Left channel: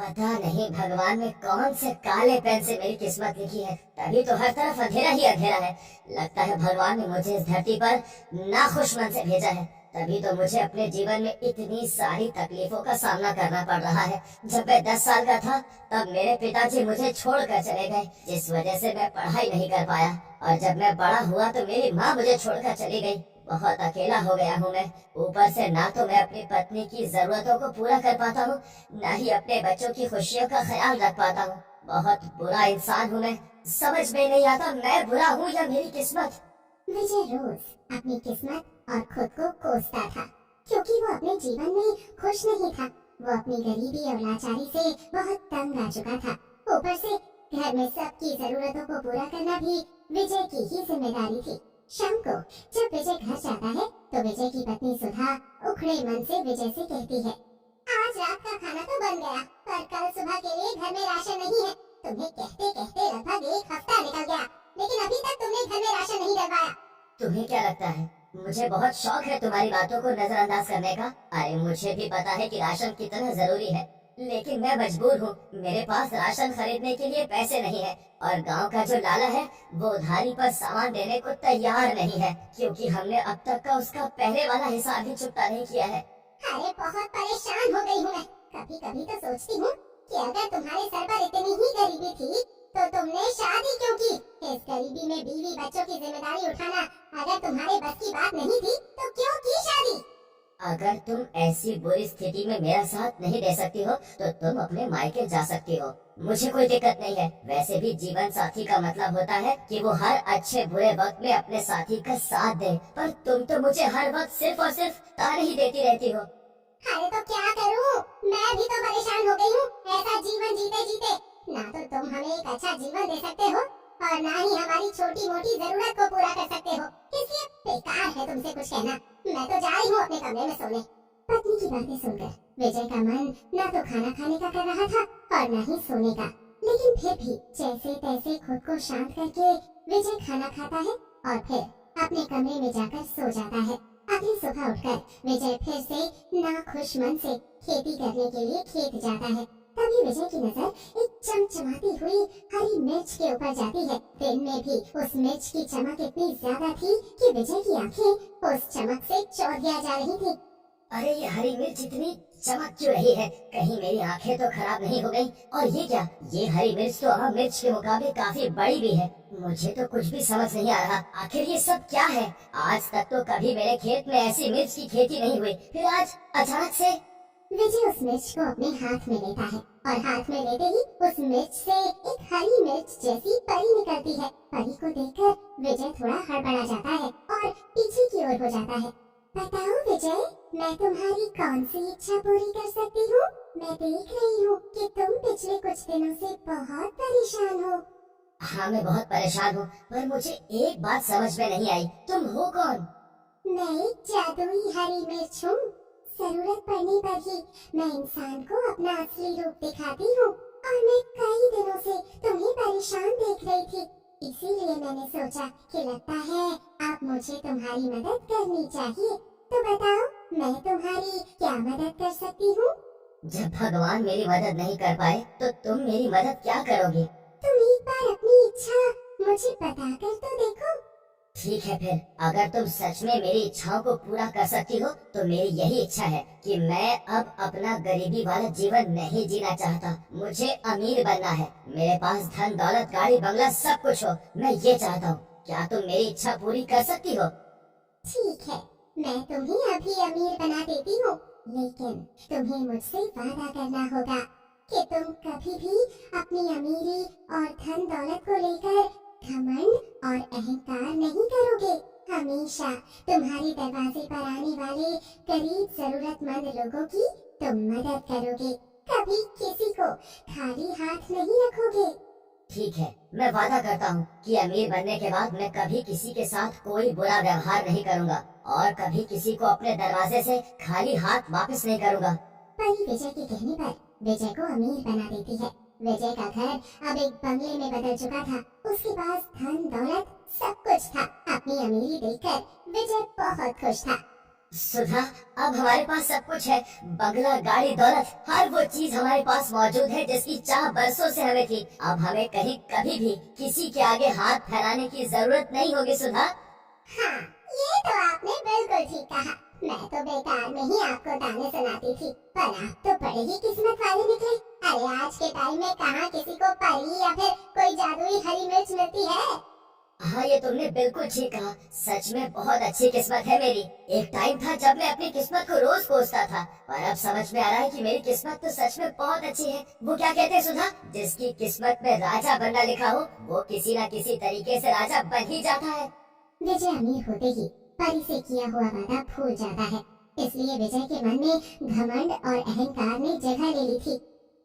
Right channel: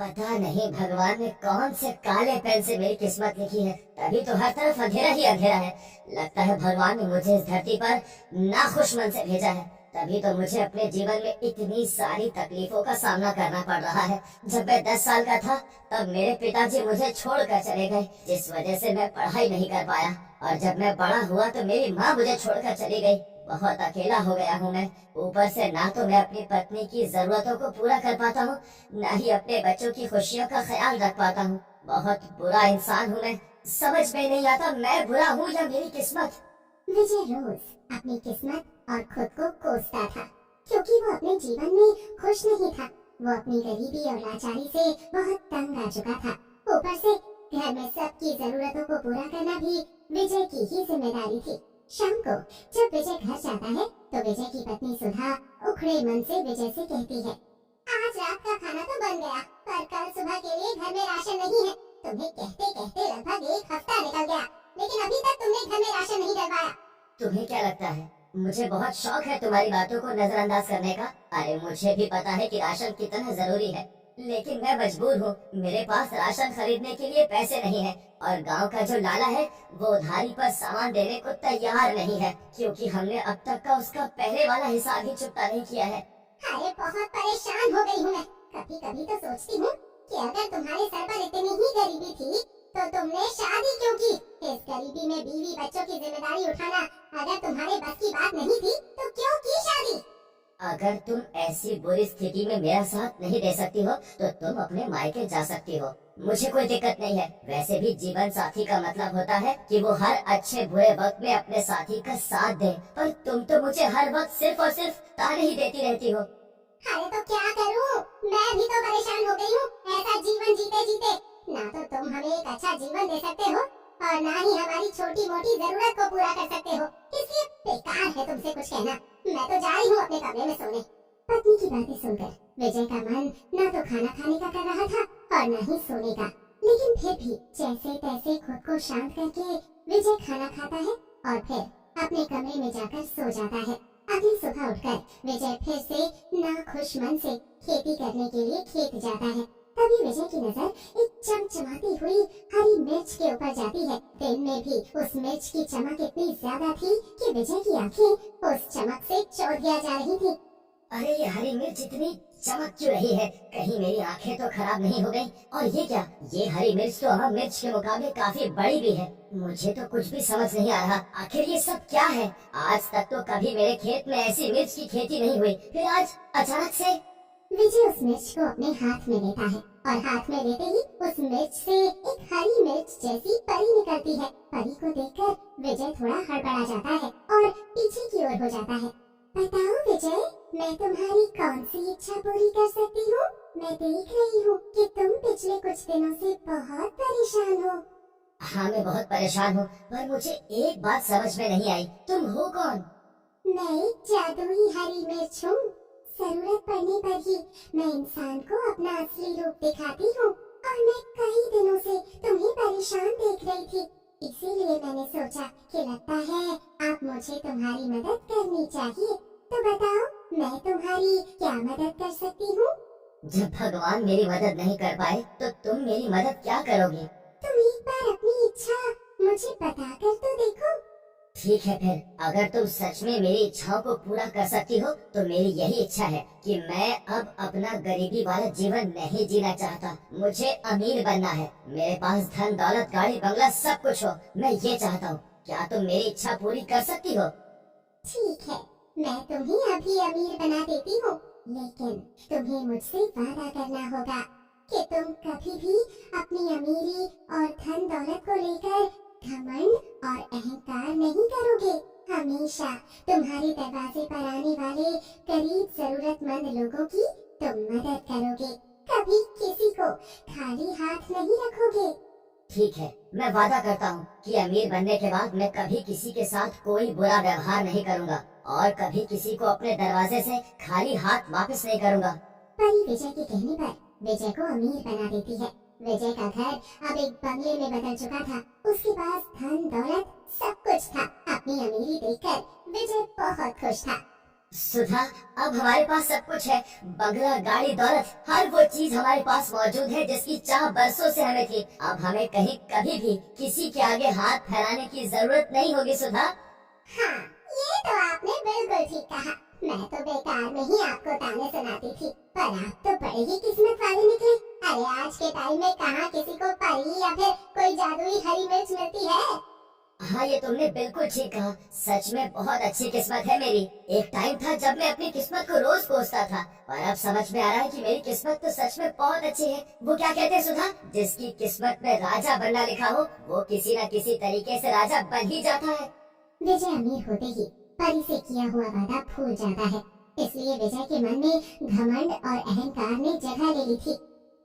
पता नहीं भगवान ने कौन से काले पेन से मेरी किस्मत लिखी है, तभी तो हर तरफ अंधेरा ही अंधेरा है। लगता है भगवान ने मुझे इस धरती पर नाखुश मन से भेजा है, तभी तो मुझे अपने जीवन में इतनी सारी तकलीफों का सामना करना पड़ रहा है। जब मैं 10 साल का था तब मेरे पिताजी मुझे छोड़कर चले गए, जिस वजह से मैं पढ़ाई नहीं कर पाया। और जब मैं बड़ा हुआ तो मेरी माँ मुझे छोड़कर चली गई। बहुत अकेला हो गया हूँ मैं। ऊपर से ना तो मैं अपनी पत्नी की जरूरतों को पूरा कर पाता हूँ, ना ही अपने बच्चों की खुशियों का ख्याल रख पाता हूँ। बहुत बुरा इंसान हूँ मैं। समझ में नहीं आता मैं बुरा हूँ या मेरी किस्मत। विजय रोज अपनी किस्मत और खुद को कोसता था, क्योंकि वो अपने जीवन में खुश नहीं था। वो अपनी गरीबी और लाचारी से बहुत तंग आ चुका था। ऊपर से घर में सबकी जरूरतों को पूरा करना भी विजय की ही जिम्मेदारी थी। शाम को जब विजय घर जाता है तो विजय की पत्नी सुधा उखड़े मन से विजय से कहती है, आज रात का खाना तो बन गया, पर कल सुबह के लिए घर में राशन नहीं है। तुम्हें कहते कहते लगभग 1 हफ्ता निकल गया, लेकिन अभी तक तुमने घर में राशन नहीं डलवाया। तुम्हें क्या लगता है मुझे बहुत शौक है तुम्हारी बातों को नजरअंदाज करने का? अरे मुझे भी पता है कि राशन कितना जरूरी है, लेकिन मैं मजबूर हूँ। मेरे पास राशन खरीदने के लिए पैसे नहीं है, और गांव का जो लाला है वो उधारी पर सामान देने को तैयार नहीं है, क्योंकि हमने अब तक का उसका पहले वाला हिसाब भी चुकता नहीं किया है। अरे बहुत परेशान हो गई हूँ मैं। कभी कभी तो सोचती हूँ कि अगर तुम्हारे सर पर इतनी ही गरीबी थी तो तुमने शादी क्यों की? इस गरीबी में बीवी बच्चों की जिम्मेदारी उठाना अगर तुम्हारे बस की बात नहीं थी तो क्यों की शादी? अगर तुम ऐसी बुरी स्थिति में मेरा साथ नहीं दे सकती हो तो तुम अपने मायके जा सकती हो, मुझे कोई दिक्कत नहीं है। वैसे भी जीवन साथी का मतलब होता है कि वो हर अच्छे बुरे वक्त में अपने साथी का साथ दे, पर तुम तो मुझे हर वक्त सिर्फ और सिर्फ ताने ही देती रहती हो। अरे तो क्या करूं? मैं भी तो परेशान हो गई हूँ ऐसा जीवन जीते जीते। ना तो तुम हमें एक अच्छा जीवन दे सकते हो और ना ही हमारी छोटी मोटी जरूरत को पूरा कर सकते हो, इसलिए बेकार है तुमसे कुछ कहना। मैं तो जा रही हूँ अपने कमरे में सोने। पत्नी की बातें सुनकर विजय का मन न तो खाना खाने का कर रहा था और न ही सोने का, लेकिन फिर भी जैसे तैसे खुद को शांत करके विजय खाना खाता है और फिर अपने कमरे में जाकर सो जाता है। अगली सुबह उठकर विजय फिर से नाखुश मन से खेती करने के लिए खेत जाता है। तभी विजय की नजर एक चमचमाती हुई हरी मिर्च के ऊपर जाती है। दिन में भी उस मिर्च की चमक इतनी ज्यादा थी कि विजय की आंखें उस चमक से चौंधिया जा रही थी। अरे ये हरी मिर्च इतनी चमक क्यों रही है? कहीं मेरी आंखें तो खराब नहीं हो गई? और ये क्या, ये हरी मिर्च तो आम मिर्च के मुकाबले काफी बड़ी भी है। मुझे तो कुछ भी समझ नहीं आ रहा, आखिर ये सब क्या है? आज तक तो कभी मेरे खेत में ऐसी मिर्च की खेती नहीं हुई, फिर आज अचानक से। विजय उस मिर्च को अपने हाथ में लेता है और हाथ में लेते ही उस मिर्च से एक हरी मिर्च जैसी परी निकलती है। परी को देखकर विजय थोड़ा हड़बड़ा जाता है और पीछे की ओर हो जाता है। बताओ विजय, मैं तुम्हारी कौन सी इच्छा पूरी कर सकती हूँ? मैं देख रही हूँ कि तुम पिछले कुछ दिनों से बहुत परेशान हो। हाँ मैं बहुत परेशान हूँ, पर मुझे एक बात समझ में नहीं आई, तुम हो कौन? मैं एक जादुई हरी मिर्च हूँ। जरूरत पड़ने पर ही मैं इंसान को अपना असली रूप दिखाती हूँ, और मैं कई दिनों से तुम्हें परेशान देख रही थी, इसीलिए मैंने सोचा कि लगता है आप मुझे तुम्हारी मदद करनी चाहिए। तो बताओ मैं तुम्हारी क्या मदद कर सकती हूँ? जब भगवान मेरी मदद नहीं कर पाए तो तुम मेरी मदद क्या करोगी? तुम एक बार अपनी इच्छा मुझे बता कर तो देखो। ठीक है, फिर अगर तुम सच में मेरी इच्छाओं को पूरा कर सकती हो तो मेरी यही इच्छा है कि मैं अब अपना गरीबी वाला जीवन नहीं जीना चाहता। मुझे अमीर बनना है, मेरे पास धन दौलत गाड़ी बंगला सब कुछ हो, मैं ये चाहता हूँ। क्या तुम मेरी इच्छा पूरी कर सकती हो? ठीक है, मैं तुम्हें अभी अमीर बना देती हूँ, लेकिन तुम्हें मुझसे वादा करना होगा कि तुम कभी भी अपनी अमीरी और धन दौलत को लेकर घमंड और अहंकार नहीं करोगे। हमेशा तुम्हारे दरवाजे पर आने वाले गरीब जरूरतमंद लोगों की तुम मदद करोगे, कभी किसी को खाली हाथ नहीं रखोगे। ठीक है, मैं वादा करता हूँ कि अमीर बनने के बाद मैं कभी किसी के साथ कोई बुरा व्यवहार नहीं करूँगा और कभी किसी को अपने दरवाजे से खाली हाथ वापस नहीं करूँगा। परी विजय के कहने पर विजय को अमीर बना देती है। विजय का घर अब एक बंगले में बदल चुका था। उसके पास धन दौलत सब कुछ था। अपनी अमीरी देखकर विजय बहुत खुश था। सुधा, अब हमारे पास सब कुछ है। बंगला, गाड़ी, दौलत, हर वो चीज हमारे पास मौजूद है जिसकी चाह बरसों से हमें थी। अब हमें कहीं कभी भी किसी के आगे हाथ फैलाने की जरूरत नहीं होगी सुधा। हाँ, ये तो आपने बिल्कुल ठीक कहा। मैं तो बेकार में ही आपको ताने सुनाती थी, पर आप तो बड़े ही किस्मत वाले निकले। अरे आज के टाइम में कहाँ किसी को परी या फिर कोई जादुई हरी मिर्च मिलती है। हाँ, ये तुमने बिल्कुल ठीक कहा। सच में बहुत अच्छी किस्मत है मेरी। एक टाइम था जब मैं अपनी किस्मत को रोज कोसता था, पर अब समझ में आ रहा है कि मेरी किस्मत तो सच में बहुत अच्छी है। वो क्या कहते हैं सुधा, जिसकी किस्मत में राजा बनना लिखा हो वो किसी न किसी तरीके से राजा बन ही जाता है। विजय अमीर होते ही परी से किया हुआ वादा भूल जाता है, इसलिए विजय के मन में घमंड और अहंकार ने जगह ले ली थी।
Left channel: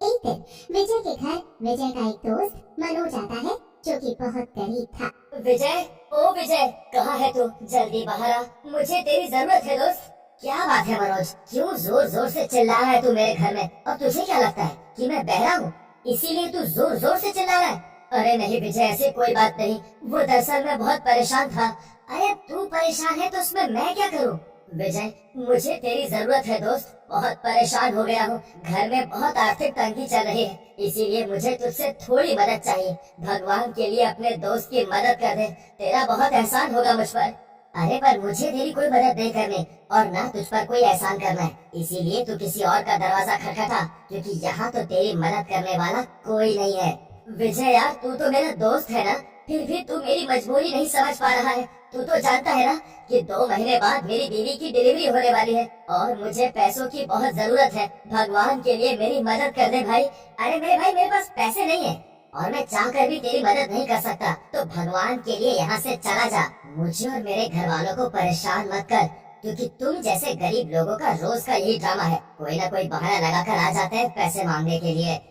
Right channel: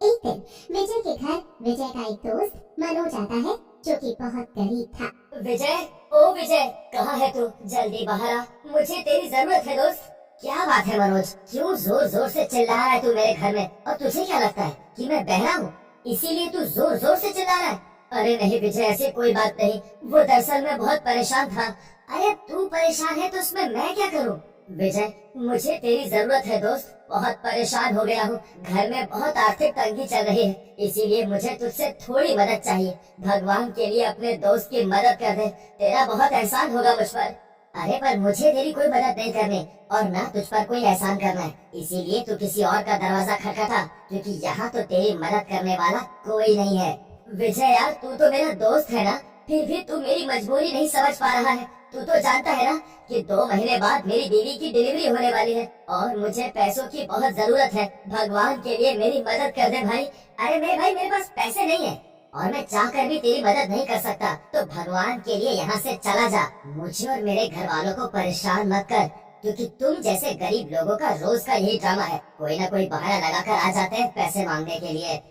एक दिन विजय के घर विजय का एक दोस्त मनोज आता है, जो कि बहुत गरीब था। विजय, ओ विजय, कहाँ है तू? जल्दी बाहर आ, मुझे तेरी जरूरत है दोस्त। क्या बात है मनोज, क्यों जोर जोर से चिल्ला रहा है तू मेरे घर में? और तुझे क्या लगता है कि मैं बहरा हूँ इसीलिए तू जोर जोर से चिल्ला रहा है? अरे नहीं विजय, ऐसी कोई बात नहीं। वो दरअसल मैं बहुत परेशान था। अरे तू परेशान है तो उसमें मैं क्या करूँ? विजय, मुझे तेरी जरूरत है दोस्त। बहुत परेशान हो गया हूँ, घर में बहुत आर्थिक तंगी चल रही है, इसीलिए मुझे तुझसे थोड़ी मदद चाहिए। भगवान के लिए अपने दोस्त की मदद कर दे, तेरा बहुत एहसान होगा मुझ पर। अरे पर मुझे तेरी कोई मदद नहीं करनी और ना तुझ पर कोई एहसान करना है, इसीलिए तू किसी और का दरवाजा खटखटा, क्योंकि यहाँ तो तेरी मदद करने वाला कोई नहीं है। विजय यार, तू तो मेरा दोस्त है ना, फिर भी तू मेरी मजबूरी नहीं समझ पा रहा है। तू तो जानता है ना कि 2 महीने बाद मेरी बीवी की डिलीवरी होने वाली है और मुझे पैसों की बहुत जरूरत है। भगवान के लिए मेरी मदद कर दे भाई। अरे मेरे भाई, मेरे पास पैसे नहीं है और मैं चाहकर भी तेरी मदद नहीं कर सकता, तो भगवान के लिए यहाँ से चला जा। मुझे और मेरे घर वालों को परेशान मत कर, क्योंकि तुम जैसे गरीब लोगों का रोज का यही ड्रामा है, कोई ना कोई बहाना लगाकर आ जाते हैं पैसे मांगने के लिए।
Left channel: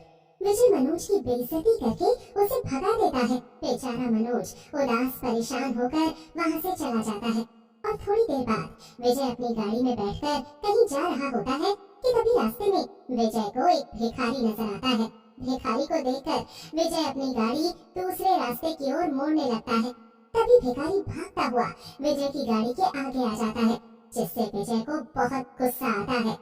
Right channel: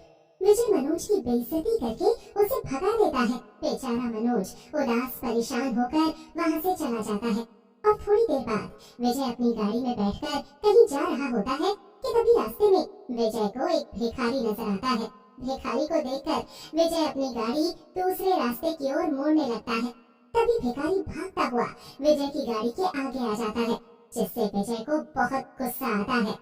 विजय मनोज की बेइज्जती करके उसे भगा देता है। बेचारा मनोज उदास परेशान होकर वहाँ से चला जाता है और थोड़ी देर बाद विजय अपनी गाड़ी में बैठकर कहीं जा रहा होता है कि तभी रास्ते में विजय को एक भिखारी नजर आता है। भिखारी को देखकर विजय अपनी गाड़ी दूसरे रास्ते की ओर मोड़ने लगता है। तभी भिखारी भागता हुआ विजय की गाड़ी के आगे आ जाता है, जिससे विजय को बहुत गुस्सा आता है।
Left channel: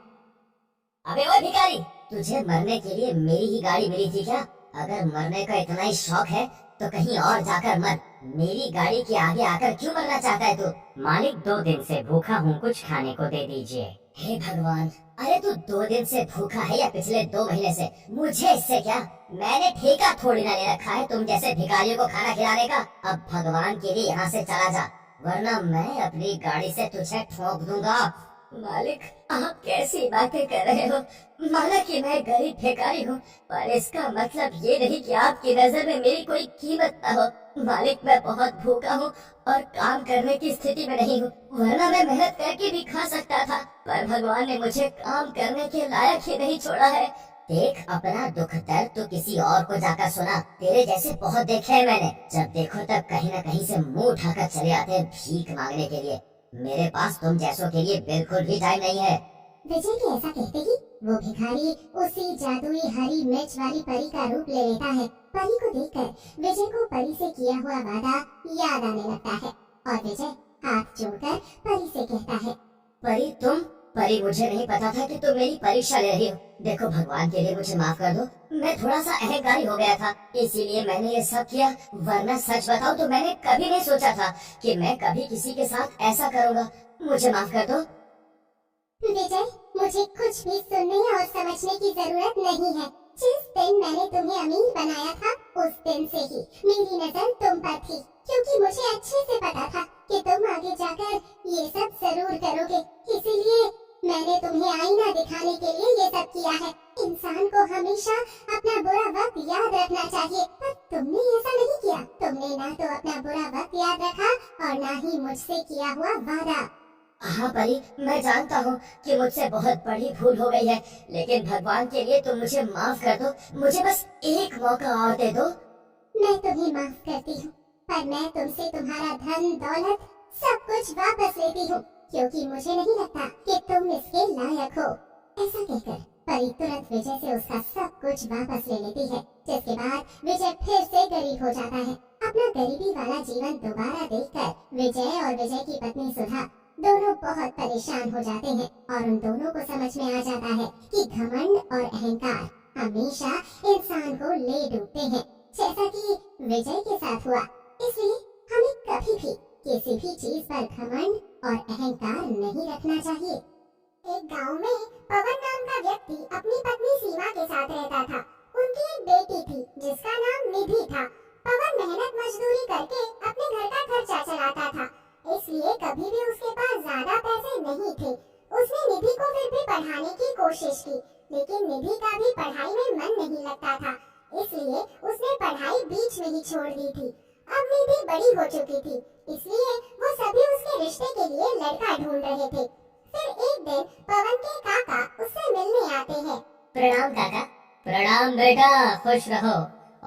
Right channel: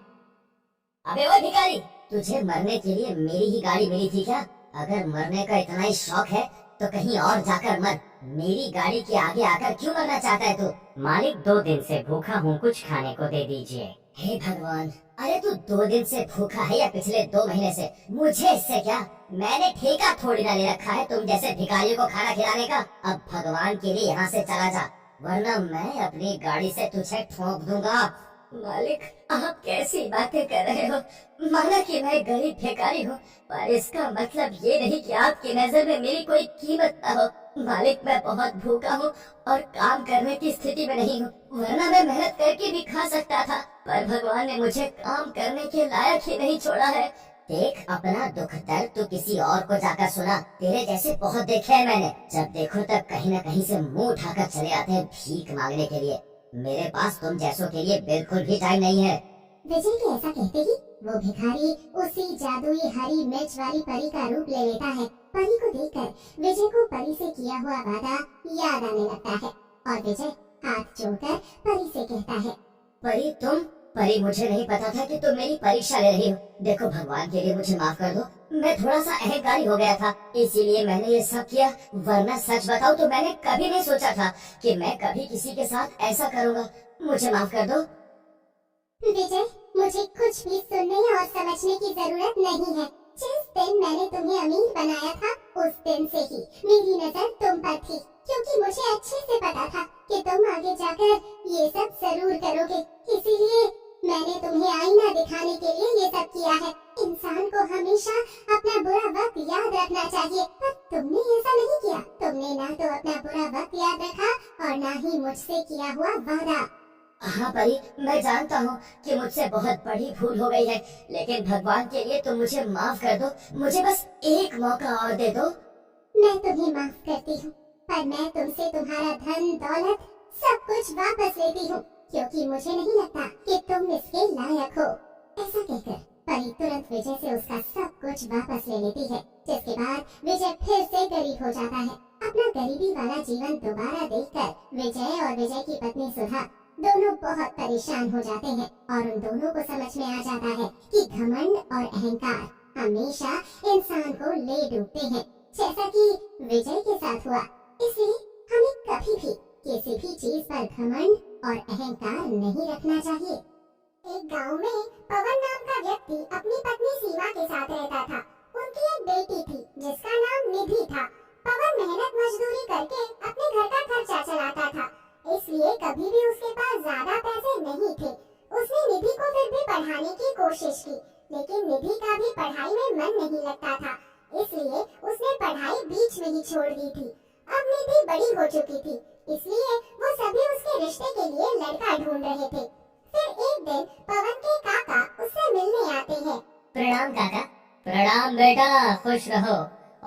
अबे वो भिखारी, तुझे मरने के लिए मेरी ही गाड़ी मिली थी क्या? अगर मरने का इतना ही शौक है तो कहीं और जाकर मर, मेरी गाड़ी के आगे आकर क्यों मरना चाहता है तू? मालिक 2 दिन से भूखा हूँ, कुछ खाने को दे दीजिए। हे भगवान, अरे तू 2 दिन से भूखा है या पिछले 2 महीने से? मुझे इससे क्या? मैंने ठेका थोड़ी ना ले रखा है तुम जैसे भिखारियों को खाना खिलाने का। अब भगवान के लिए यहाँ से चला जा, वरना मैं अपनी गाड़ी से तुझे ठोक दूंगा। मालिक, आप कैसी बातें कर रहे हो? माना कि मैं गरीब भिखारी हूँ, पर इसका मतलब ये नहीं कि आपकी नजर में मेरी कोई कीमत न हो। मालिक, मैं बहुत भूखा हूँ और काम करने की स्थिति में नहीं हूँ, वरना मैं मेहनत करके भी खा सकता था, पर भगवान ने मुझे काम करने के लायक ही नहीं छोड़ा है। देख, अपना दुख दर्द तो किसी और को जाकर सुना, तेरे जैसे बहुत देखे हैं मैंने। जब देखो तब कहीं न कहीं से मुंह उठाकर चले आते हैं भीख मांगने के लिए। मेरे पास तुम जैसों के लिए बिल्कुल भी टाइम नहीं है। विजय के ऐसा कहते ही वो भिखारी उसी जादुई हरी मिर्च वाली परी का रूप ले लेता है। परी को देखकर विजय को परी से किया हुआ वादा याद आने लगता है और विजय हाथ जोड़कर परी से कहता है, परी, तुम? परी, मुझे नहीं पता था कि तुम मेरी परीक्षा ले रही हो। देखो, भगवान के लिए मुझे माफ कर दो, मैं थोड़ा सा अहंकारी हो गया था, इसीलिए मैंने ये सब किया, वरना सच बताऊं तो मैंने कभी नहीं सोचा था कि मैं कभी किसी के साथ ऐसा करूंगा। मुझे माफ कर दो। विजय, मुझे कुछ भी सुनने और समझने की जरूरत नहीं है। जिस दिन मैंने तुम्हें अमीर बनाया था, उस दिन से ही मेरी नजर तुम पर थी, क्योंकि मुझे अच्छे से पता था कि तुम आगे जाकर ये सब जरूर करोगे। इसीलिए मैंने तुम्हें आईना दिखाने के लिए ये सब किया है। इंसान को हमेशा अपना बुरा वक्त याद रखना चाहिए, पर तुमने ऐसा नहीं किया। तुमने ना तो अपना बुरा वक्त याद रखा और ना ही मुझसे किया हुआ वादा। हाँ परी, मैं जानता हूँ कि मुझसे बहुत बड़ी भूल हो गई है, लेकिन भगवान के लिए तुम मुझे माफ कर दो। मुझे बस एक मौका और दे दो। मैं तुम्हें माफ करती हूँ, पर मैं तुमसे तुम्हारा धन दौलत सब कुछ वापस लेती हूँ, क्योंकि मुझे नहीं लगता कि तुम इसके लायक हो। ऐसा कहकर परी तुरंत विजय से उसका सब कुछ वापस ले लेती है, जिसके बाद विजय फिर से गरीब हो जाता है। अपना गरीबी वाला जीवन दोबारा देखकर विजय और विजय की पत्नी सुधा दोनों बहुत परेशान हो जाते हैं और उन दोनों को समझ में आ जाता है कि घमंड और अहंकार हमेशा इंसान को ले डूबते हैं, जैसा कि विजय के साथ हुआ। इसलिए हमें कभी भी किसी भी चीज पर घमंड और अहंकार नहीं रखना चाहिए। एक गांव में पवन नाम का व्यक्ति अपनी पत्नी सीमा के साथ रहता था। उनकी एक बेटी थी जिसका नाम निधि था। पवन मेहनत मजदूरी करके अपने घर का खर्चा चलाता था, इसलिए कभी भी उसके पास ज्यादा पैसे नहीं थे। उसने निधि को फिर भी पढ़ाने की कोशिश की, लेकिन निधि का भी पढ़ाई में मन नहीं लगता था, इसलिए उसने पढ़ाई बीच में ही छोड़ दी थी। अब निधि बड़ी हो चुकी थी, इसलिए वो सभी उसके रिश्ते के लिए लड़का ढूंढ रहे थे। फिर एक दिन पवन के काका उससे मिलने आते हैं। प्रणाम काका। प्रणाम बेटा, खुश रहो।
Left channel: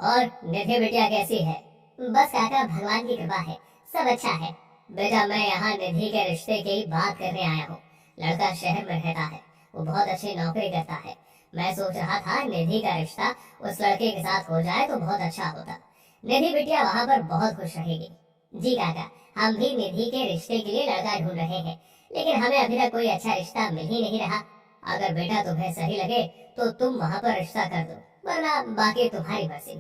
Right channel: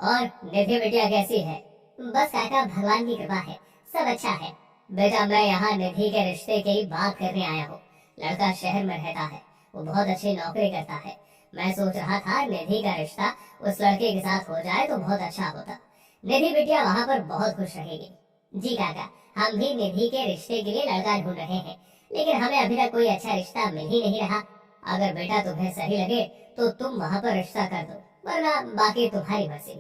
और निधि बिटिया कैसी है? बस काका, भगवान की कृपा है, सब अच्छा है। बेटा मैं यहाँ निधि के रिश्ते की बात करने आया हूँ। लड़का शहर में रहता है, वो बहुत अच्छी नौकरी करता है। मैं सोच रहा था निधि का रिश्ता उस लड़के के साथ हो जाए तो बहुत अच्छा होता। निधि बिटिया वहाँ पर बहुत खुश रहेगी। जी काका, हम भी निधि के रिश्ते के लिए लड़का ढूंढ रहे हैं, लेकिन हमें अभी तक कोई अच्छा रिश्ता मिल ही नहीं रहा। अगर बेटा तुम्हें सही लगे तो तुम वहाँ पर रिश्ता कर दो, वरना बाकी तुम्हारी मर्जी।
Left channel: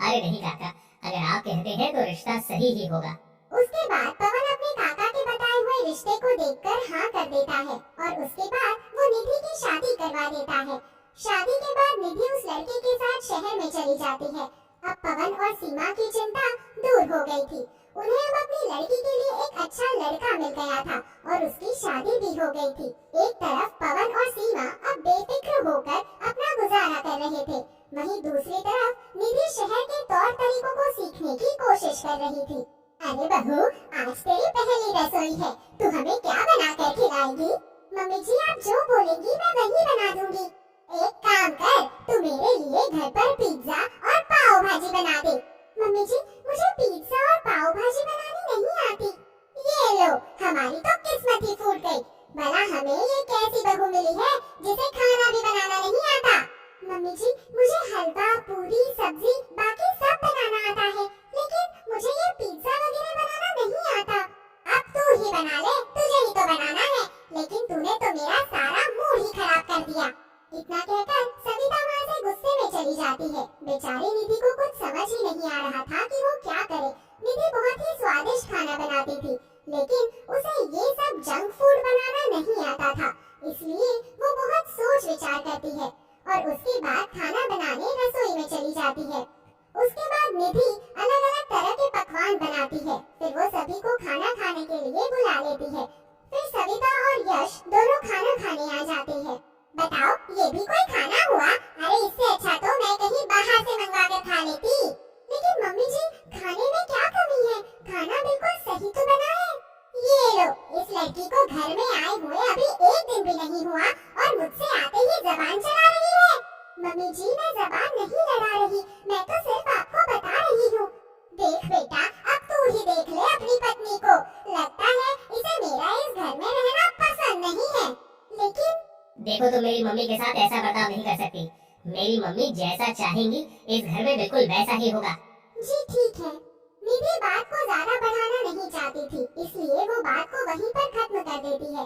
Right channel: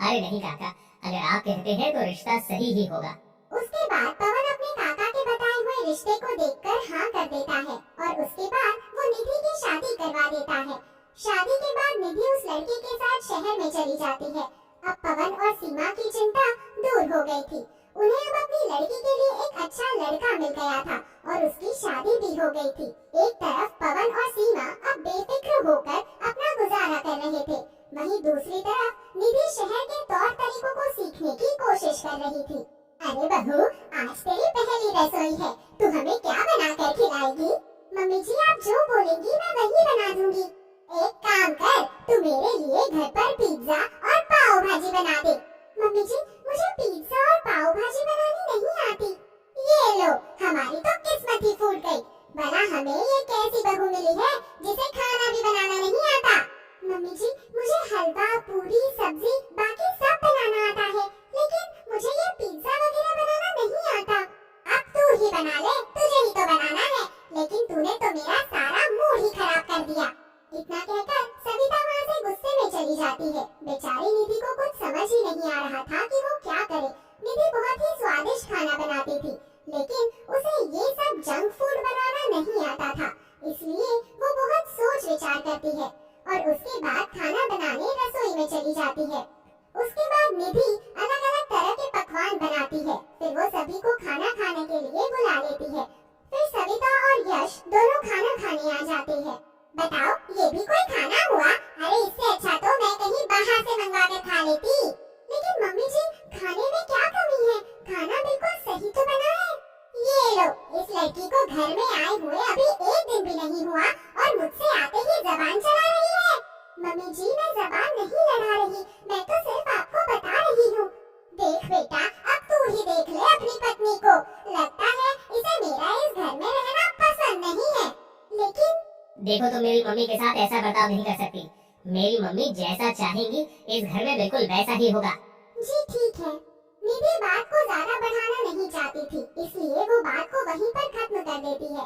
अरे नहीं काका, अगर आप कहते हैं तो रिश्ता सही ही होगा। उसके बाद पवन अपने काका के बताए हुए रिश्ते को देखकर हाँ कर देता है और उसके बाद वो निधि की शादी करवा देता है। शादी के बाद निधि उस लड़के के साथ शहर में चली जाती है। अब पवन और सीमा की चिंता दूर हो गई थी। उन्हें अब अपनी लड़की के लिए एक अच्छा लड़का मिल गया था और उसकी शादी भी हो गई थी। एक तरफ पवन और सीमा अब बेफिक्र होकर अपना गुजारा कर रहे थे, वहीं दूसरी तरफ निधि शहर के तौर तरीकों को सीखने की कोशिश कर रही थी। अरे बहू, आज तेरी पहली रसोई है, तू हमें क्या बना कर खिलाएगी? मम्मी जी, आप जो बोलेंगी मैं वही बना दूंगी। एक काम कर, तू मेरे लिए घर पर पिज्जा और पाव भाजी बना दे। मम्मी जी, मुझे पिज्जा और पाव भाजी बनानी नहीं आती। ये लो, हमारी तो किस्मत ही फूट गई। भला हमें ये कैसी बहू मिली है जिसे खाना भी बनाना नहीं आता? मम्मी जी, मुझे हलवा, पूरी, सब्जी, बाकी सब बनाना आता है, लेकिन मुझे ये पिज्जा वगैरह बनाना नहीं आता। अब तू ही बना ले, तुझे ही तो बनाना है, लेकिन तूने तो मेरा सारा मूड ही खराब कर दिया। इतना कहकर सविता वहाँ से गुस्से में चली जाती है। बेचारी निधि को कुछ समझ ही नहीं आ रहा था कि वो क्या करे। निधि बहुत ही स्वादिष्ट खाना बनाती थी, लेकिन उसे ये सब जंक फूड बनाना नहीं आता था, इसलिए वो बहुत सोच विचार करती है और उसके बाद खाना बनाने रसोई में चली जाती है। उसके बाद निधि अलग अलग तरह के पकवान बनाती है, फिर वो सभी को खाना खाने के लिए बुला लेती है। फिर सविता और यश दोनों खाना खाने आ जाते हैं। बताओ, ये भी कोई खाना हुआ? अरे इससे अच्छा तो मैं कहीं बाहर से मंगवा कर खा लेती। लेकिन मम्मी जी, खाने में क्या कमी है? खाना बिल्कुल सही तो बना है। ये लो, इस लड़की को घर में आए हुए अभी एक दिन भी नहीं हुआ और मुझसे आते ही जबान चला रही है। मम्मी जी, मैं जबान नहीं लड़ा रही, मैं तो सिर्फ आपको बता रही हूँ। देख बेटा, अब तू ही देख ले अपनी पत्नी को। लगता है इसे मेरा इस घर में रहना पसंद नहीं है। लेकिन देखो, तो मेरी मम्मी के साथ ऐसा बर्ताव नहीं कर सकती। मेरी मम्मी जैसा चाहेंगी इस घर में बिल्कुल वैसा ही होगा। जी ठीक है। निधि बात को ज्यादा बढ़ाना नहीं चाहती थी, इसलिए वो बात को वहीं पर खत्म कर देती है।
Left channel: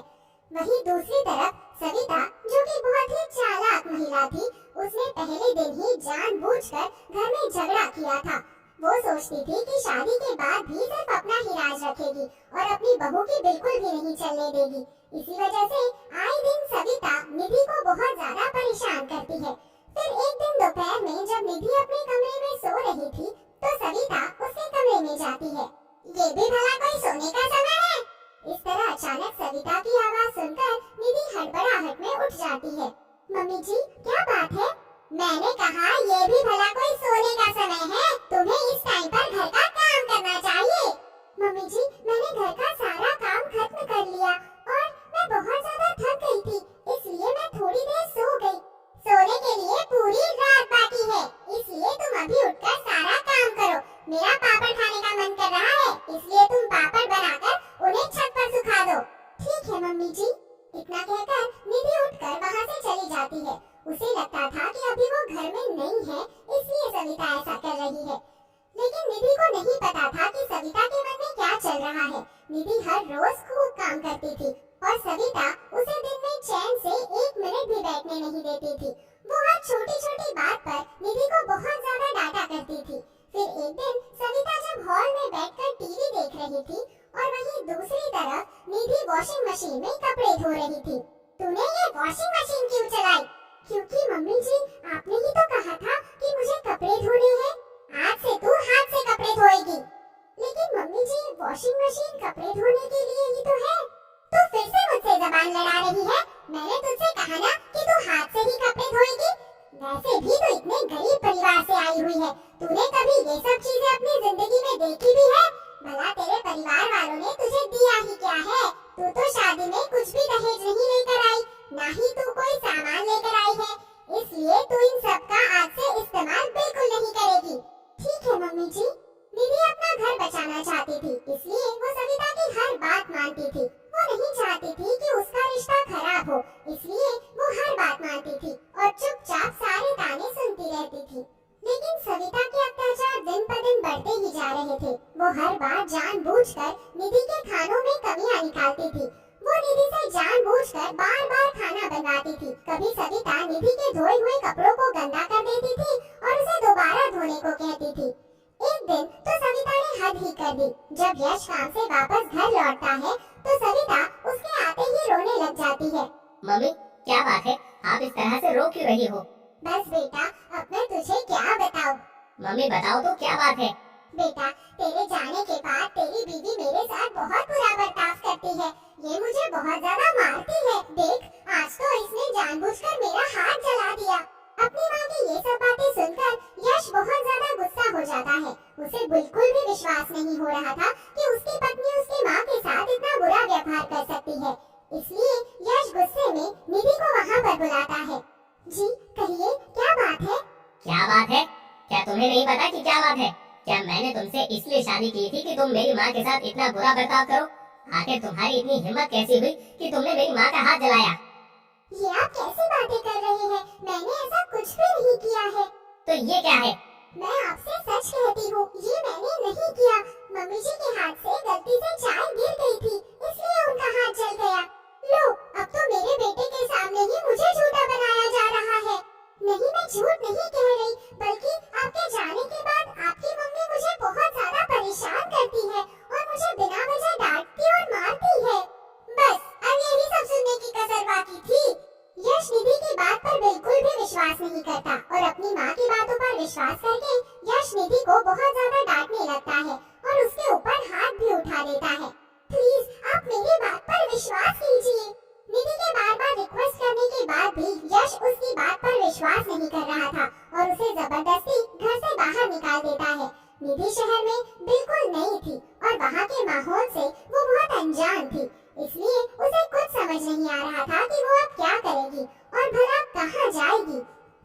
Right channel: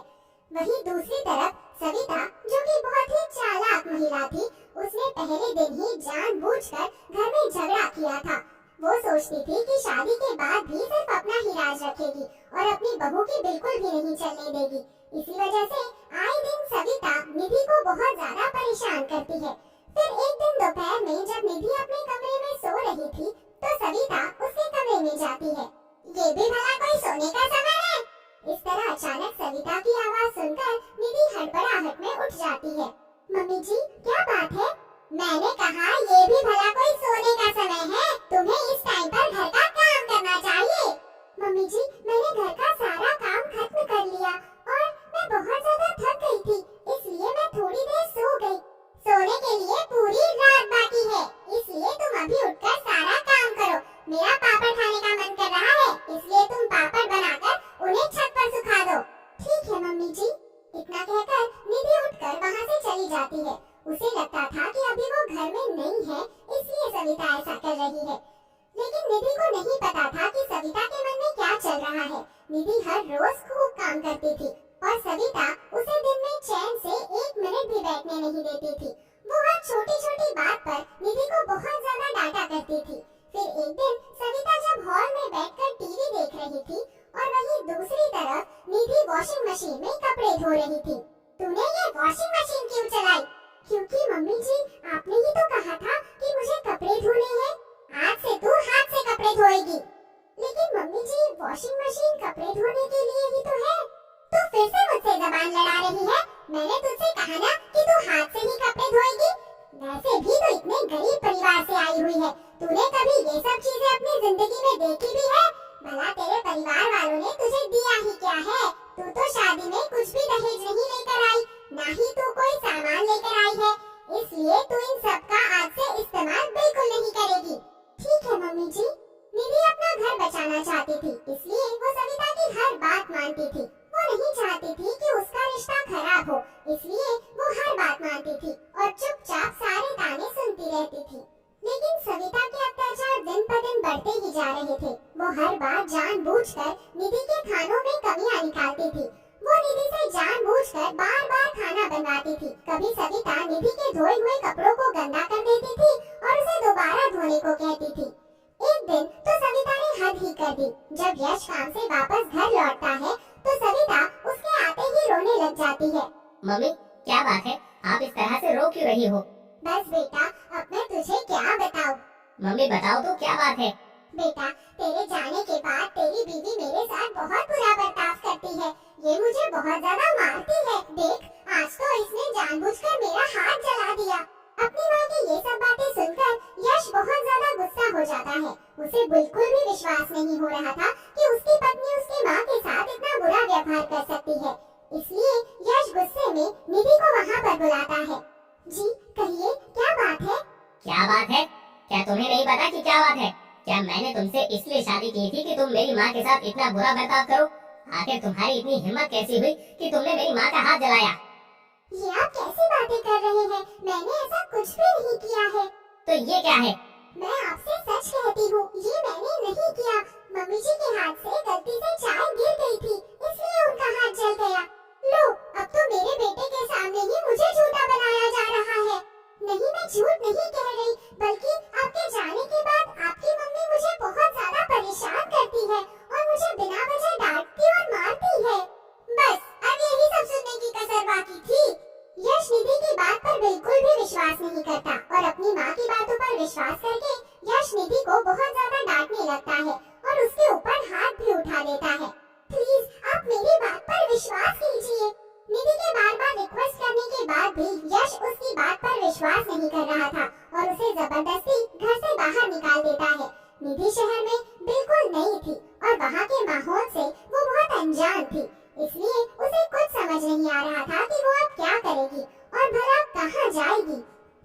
वहीं दूसरी तरफ सविता, जो कि बहुत ही चालाक महिला थी, उसने पहले दिन ही जानबूझकर घर में झगड़ा किया था। वो सोचती थी कि शादी के बाद भी सिर्फ अपना ही राज रखेगी और अपनी बहू की बिल्कुल भी नहीं चलने देगी। इसी वजह से आए दिन सविता निधि को बहुत ज्यादा परेशान करती है। फिर एक दिन दोपहर में जब निधि अपने कमरे में सो रही थी, तो सविता उसके कमरे में जाती है। ये भी भला कोई सोने का समय है? इस तरह अचानक सविता की आवाज सुनकर निधि हड़बड़ाहट में उठ जाती है। मम्मी जी, क्या बात है? मैंने कहा ये भी भला कोई सोने का समय है? तुम्हें इस टाइम पर घर का काम करना चाहिए। मम्मी जी, मैंने घर का सारा काम खत्म कर लिया और मैं बहुत ज्यादा थक गई थी, इसलिए मैं थोड़ी देर सो गई। सोने के लिए पूरी रात बाकी है, इसलिए तुम अभी उठकर सारा काम करो। मेरा पापड़ खाने का मन कर रहा है, इसलिए तुम पापड़ बनाकर उन्हें छत पर सुखा दो। ठीक है मम्मी जी। इतना कहकर निधि उठकर वहाँ से चली जाती है। उसे लगता था कि अभी वो घर में नहीं है, इसलिए सविता ऐसा कर रही है। लेकिन निधि को नहीं पता था कि सविता के मन में क्या चल रहा है। निधि हर रोज खूब काम करती थी और सविता उसे दिन में चैन से 1 मिनट भी बैठने नहीं देती थी। वो हर छोटी छोटी बात पर निधि को बहुत ज्यादा डांटा करती थी। फिर एक दिन सविता जब हॉल में बैठकर टीवी देख रही थी और वहीं दूसरी तरफ निधि वॉशिंग मशीन में कपड़े धो रही थी। तूने ये वॉशिंग मशीन क्यों चलाई? क्योंकि मम्मी जी, आपने ही तो कहा था कि मुझे कपड़े धोने हैं। आज से तू हाथ से कपड़े धोएगी। लेकिन मम्मी जी, वॉशिंग मशीन कपड़े धोने के लिए ही तो है। तू फिर से मुझसे जबान लड़ा रही है। मैंने तुझसे कहा ना कि तू हाथ से ही कपड़े धोएगी। वैसे भी तो इतने गरीब परिवार से आई हुई है। तूने कभी ये सब चीजें अपनी जिंदगी में देखी भी है? भला तेरे परिवार वालों ने तुझे दिया ही क्या है? तू तो शादी में कुछ भी दहेज नहीं लेकर आई, ना ही तू कोई सामान लेकर आई है। इसलिए तू इन सब का आज से इस्तेमाल बिल्कुल नहीं करेगी। ठीक है मम्मी जी। निधि अपना घर बचाना चाहती थी, इसलिए वो सविता की हर बात मानती थी। वो नहीं चाहती थी कि उसका रिश्ता खराब हो, इसलिए वो हर बात मानती थी और चुपचाप सारे ताने सुनती रहती थी। लेकिन सविता के अत्याचार दिन पर दिन बढ़ते ही जा रहे थे। वो हर बार जानबूझकर निधि के खानों में कमियां निकालती थी। वो निधि से जानबूझकर बार-बार खाना बनवाती थी। कभी सविता निधि के धोए हुए कपड़ों को गंदा कर देती थी और उसे दोबारा धोने को कहती थी। एक दिन तो सविता ने हद ही कर दी। जब यश काम से वापस घर लौटता है तो सविता उसके आते ही रोने लग जाती है। मम्मी, क्या बात है? आप इस तरह से रो क्यों रही हो? बस बेटा, अब मैं तुझे क्या बताऊं? मम्मी बताओ तो, क्या बात है? बेटा, तेरे जाने के बाद तेरी बीवी मेरे साथ बहुत बुरा बर्ताव करती है। ये मुझे बहुत ज्यादा मारती है। देख, आज तो इसने जानबूझकर मेरा हाथ जला दिया। अपनी माँ की ये सब बातें सुनकर यश बहुत ज्यादा गुस्सा हो जाता है। उसे बिल्कुल भी विश्वास नहीं हो रहा था कि उसकी पत्नी उसकी माँ के साथ इतना बुरा व्यवहार कर सकती है। इसलिए यश गुस्से में निधि को वहाँ पर बुलाता है। जी कहिए, क्या बात है? क्या बात है? क्या तुम्हें नहीं पता कि क्या बात है? क्या मैंने तुमसे इसलिए शादी की थी कि तुम मेरी माँ के साथ इतना बुरा बर्ताव करो? आखिर तुम्हारी इतनी हिम्मत कैसी हुई कि तुमने मेरी माँ का हाथ जलाया? ये आप कैसी बातें कर रहे हैं? मैंने ऐसा कुछ भी नहीं किया है। तो ये क्या है? मैं आपसे सच कहती हूँ, ये मैंने नहीं किया। मम्मी जी के हाथ से गलती से चाय गिर गई थी, इसलिए उनका हाथ जल गया। लो, अब तो मेरे बेटे के सामने ही मुझे झूठा बनाया जा रहा है। नहीं, मैं झूठ नहीं कह रही, बल्कि आपके जाने के बाद आपकी मम्मी मुझे बहुत ज्यादा परेशान करती है और मुझे बिना वजह डांटती और मारती है। बस अब यही सब सुनने की कसर बाकी थी। यश निधि की बात पर बिल्कुल भी विश्वास नहीं करता और अपनी माँ की बातों पर विश्वास करके यश निधि को बहुत ज्यादा डांटने लगता है और उसके ऊपर हाथ भी उठा देता है। प्लीज आप मेरी बात पर विश्वास कीजिए। निधि के बार-बार रिक्वेस्ट करने के बाद भी यश उसकी बात पर विश्वास नहीं कर रहा था और उसे जबरदस्ती घर से बाहर निकाल देता है। निधि शहर में बिल्कुल नई थी और वहाँ के माहौल से वो बहुत अनजान थी, इसलिए उसे कुछ समझ नहीं आ रहा था कि वो अब क्या करेगी और भला कहाँ जाएगी।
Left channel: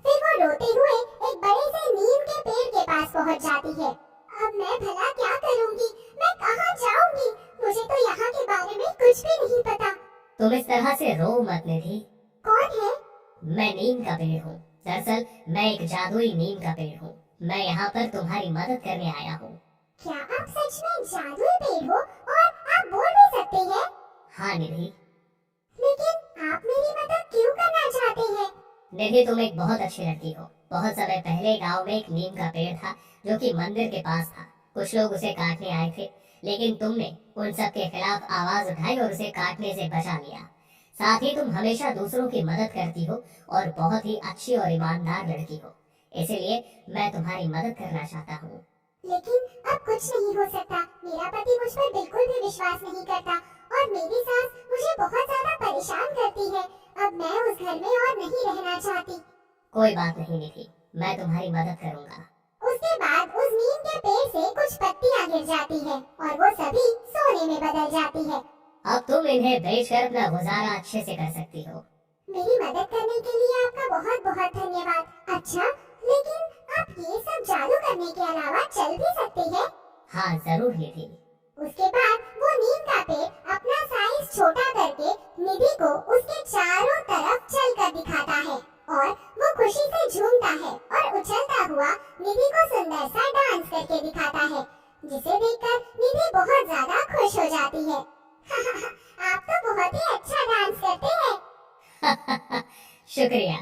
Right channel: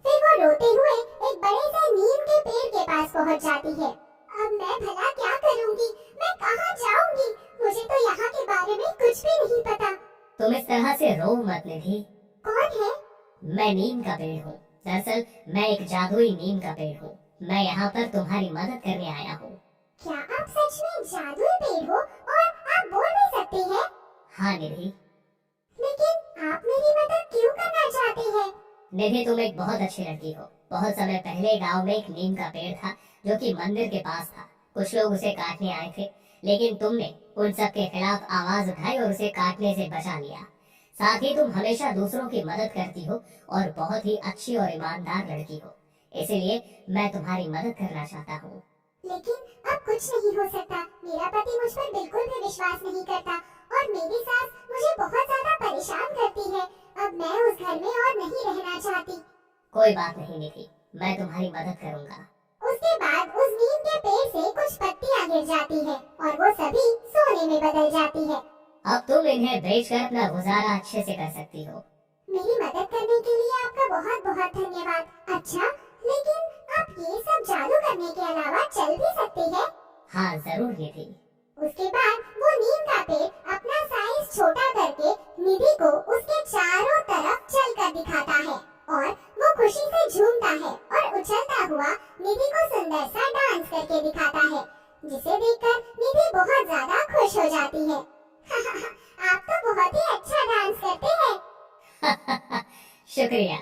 फिर वो रोते हुए एक बड़े से नीम के पेड़ के पास पहुँच जाती है। अब मैं भला क्या करूँगी? मैं कहाँ जाऊँगी? मुझे तो यहाँ के बारे में कुछ भी नहीं पता। तुम इस तरह से रो मत निधि। कौन है? मैं नीम का पेड़ हूँ। दरअसल मैं एक जादुई नीम का पेड़ हूँ। मैं यहाँ पर तुम्हारी मदद करने आया हूँ। क्या आप सच में जादुई पेड़ हो और आप बोल भी सकते हैं? हाँ निधि। लेकिन आप मेरी मदद क्यों करना चाहते हैं? निधि, तुम एक बहुत अच्छी लड़की हो। बहुत समय पहले गांव में एक नीम का पेड़ था जो कि मंदिर के पास था। कुछ लोग उसे काटने आए थे, लेकिन तुमने उन सब के खिलाफ आवाज उठाई और उसे काटने से बचा लिया। साथ ही तुम हमेशा दूसरों की मदद करती हो और बहुत ही अच्छी और ईमानदार लड़की हो। इसलिए मैं तुम्हारी मदद करना चाहता हूँ। लेकिन अब कुछ नहीं हो सकता। मेरा पति मुझ पर बिल्कुल भी विश्वास नहीं करता और मेरी सास मुझे बहुत ज्यादा परेशान करती है। अब मैं उस घर में और नहीं रहना चाहती। कोई बात नहीं निधि, मैं तुम्हारी मदद करूँगा। उसके बाद उस नीम के पेड़ से कुछ पत्तियां गिर जाती है और वो सभी सोने में बदल जाती है। अब तुम इन्हें बेचकर अपना गुजारा अच्छे से कर सकती हो। मेरी मदद करने के लिए आपका बहुत बहुत धन्यवाद। अच्छा, लेकिन आप ये सब जादू करने के अलावा चल भी सकते हैं? हाँ जरूर निधि। उसके बाद वो नीम का पेड़ अपना साइज छोटा करके निधि को उसके चारों तरफ चलकर दिखाता है और वो खुशी से झूमता है और उछलता हुआ निधि को सुंदर सा डांस करके दिखाता है, जिसे देखकर निधि बहुत ज्यादा खुश हो जाती है। आप तो बहुत ही अच्छा डांस करते हैं। शुक्रिया।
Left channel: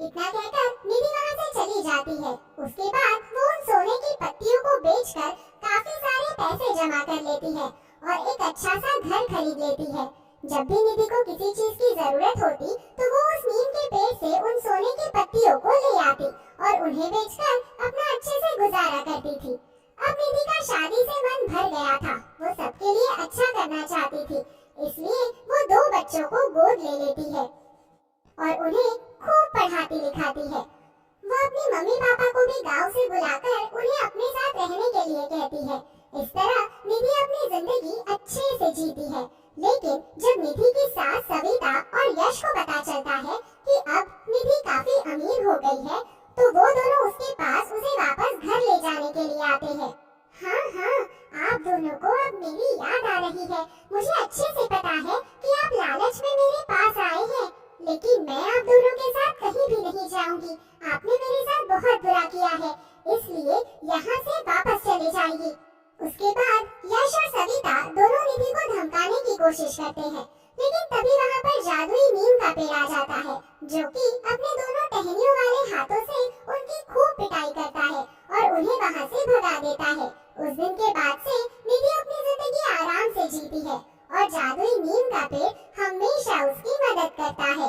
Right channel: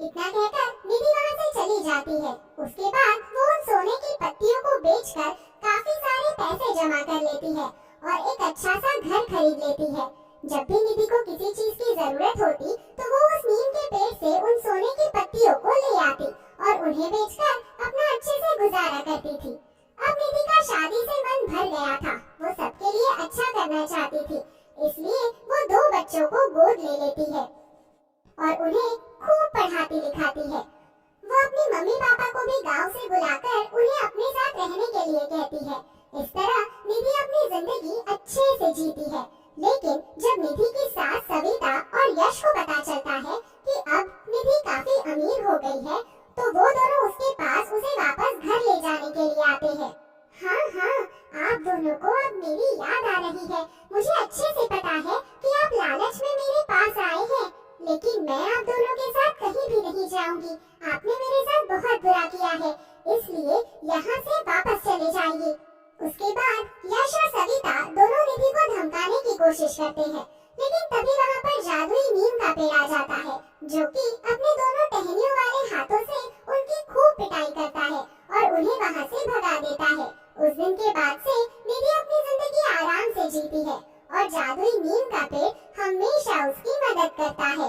इतना कहकर निधि वहाँ से चली जाती है। उसके बाद वो उन सोने की पत्तियों को बेचकर काफी सारे पैसे जमा कर लेती है और एक अच्छा सा घर खरीद लेती है। जब भी निधि को किसी चीज की जरूरत होती तो वो उस नीम के पेड़ से उन सोने की पत्तियों को ले आती और उन्हें बेचकर अपना अच्छे से गुजारा करती थी। अब निधि का शादी से मन भर गया था। वो सबके लिए अच्छा करना चाहती थी, इसलिए वो 2 बच्चों को गोद ले लेती है और उन्हें खूब पढ़ाती लिखाती है। वो अपनी मम्मी पापा को भी गांव से बुलाकर उन्हें अपने साथ रहने के लिए कहती है। इस तरह निधि अपनी जिंदगी अच्छे से जीती है। लेकिन जब निधि की सास सविता और यश को पता चलता है कि अब निधि काफी अमीर हो गई है, तो वो दोनों उसके पास उसे वापस घर ले जाने के लिए आते हैं। हाँ, आप दोनों को अब मेरी याद आ रही है। मुझे अच्छे से पता है कि आप लालच में मेरे पास आए हैं, लेकिन मैं आप दोनों के साथ कहीं भी नहीं जाऊंगी। आपने मेरे साथ बहुत बुरा किया है, इसलिए यहाँ से वापस चले जाइए। उसके बाद यश और सविता दोनों निधि को धमकाने की कोशिश करते हैं, लेकिन तभी वहाँ पर जादुई नीम का पेड़ आ जाता है, जो कि अपने दोनों टहनियों वाले हाथों से उनकी खूब पिटाई करता है और उन्हें वहाँ से भगा देता है। उस दिन के बाद से निधि अपनी जिंदगी आराम से जीती है और जादुई नीम का पेड़ हमेशा उसकी मदद करता है।